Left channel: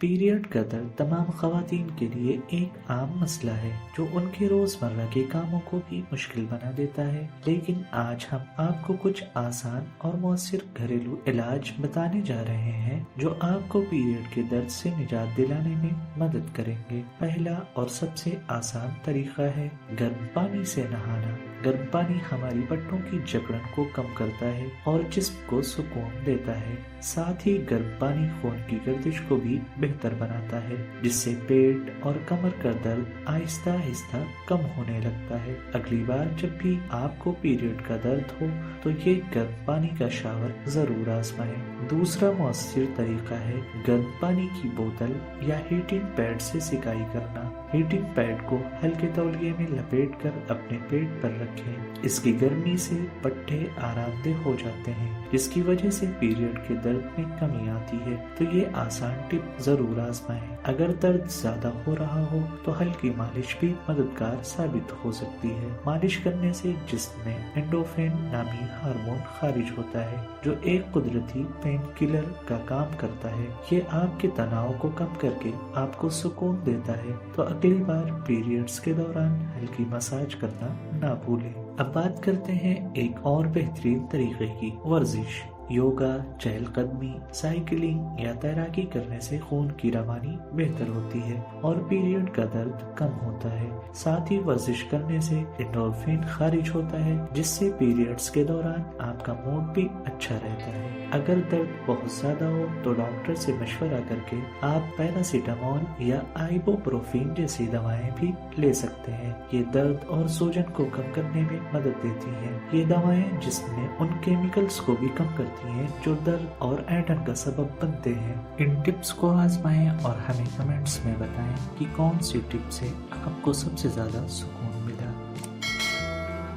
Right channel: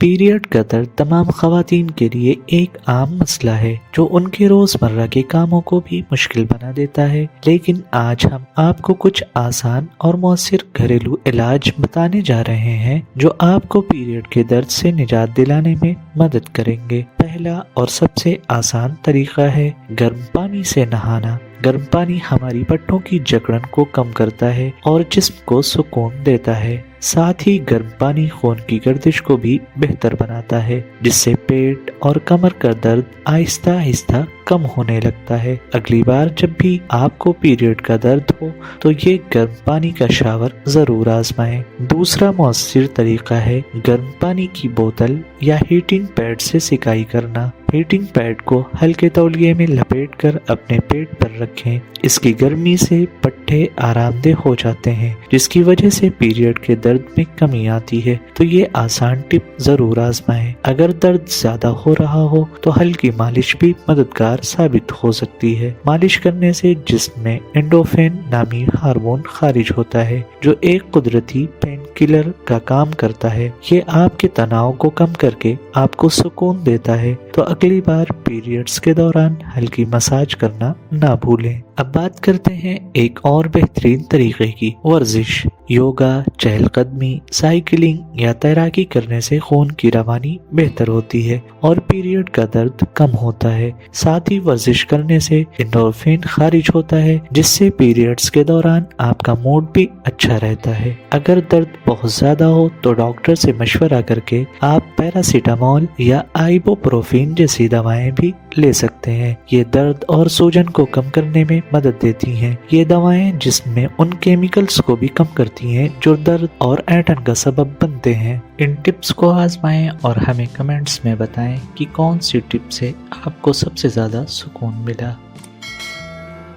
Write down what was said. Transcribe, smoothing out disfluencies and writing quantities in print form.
Period का दर्द तमाम खवातीन के लिए एक आम मसला है जो उनके रोजमर्रा के कामों को भी मुश्किल बना देता है। लेकिन आज हम आपको कुछ आसान और मौसर घरेलू इलाज बताने जा रहे हैं जो आपको पीरियड के दर्द से निजात दिलाने में मदद करेंगे। पहला और सबसे आसान तरीका है गर्म पानी से नहाना। गर्म पानी हमारी पट्टों की जकड़न को कम करता है और जिस्म को सुकून देता है। साथ ही गर्म पानी खून की गर्दिश को भी बेहतर बनाता है, जिससे पेट और कमर का दर्द आहिस्ता आहिस्ता कम होने लगता है। अगली बार जब भी आपको पीरियड का दर्द हो तो ये गर्म पानी का शावर जरूर आजमाएं। दूसरा मौसर तरीका है गर्म पानी की बोतल या हीटिंग पैड से सिकाई करना। हीटिंग पैड को हल्के तौलिए में लपेटकर अपने पेट पर रखें। इसकी गर्मी से पट्टे आरामदेह हो जाते हैं, जिसकी वजह से पीरियड के दर्द में कमी आती है। तो ये आसान टिप जरूर आजमाएं। अगर दर्द ज्यादा हो रहा हो तो हल्की मालिश भी मददगार साबित हो सकती है। मालिश करने से जिस्म में एंडोर्फिन नामी हार्मोन खारिज होता है जो एक कुदरती पेन किलर का काम करता है। ये आपके तनाव को कम करके आपको सुकून देता है। तो अगली बार पीरियड्स के दौरान हल्की मसाज करना ना भूलें। अब बात करते हैं एक और बेहतरीन तरीके की, वर्जिश। योगा, चहलकदमी, साइकिलिंग या तैराकी करने से खून की रवानी बेहतर होती है और पीरियड का दर्द कम होता है। साथ ही वर्जिश करने से एंडोर्फिन खारिज होता है, जिससे पीरियड्स के दौरान आपका मूड भी अच्छा रहता है। अगर दर्द बहुत ज्यादा हो तो डॉक्टर से मशवरा करके आप पैरासीटामोल या आइबुप्रोफेन जैसी दवाएं भी ले सकते हैं। ये दर्द और सूजन को कम करने में मदद देती हैं। ये दवाएं जिस्म में उन केमिकल्स को भी कम करती हैं जो दर्द और ऐंठन का सबब बनते हैं। इन टिप्स को आजमाएं और हमें कमेंट्स में बताएं कि कौन सी टिप से आपको सबसे ज्यादा सुकून मिला।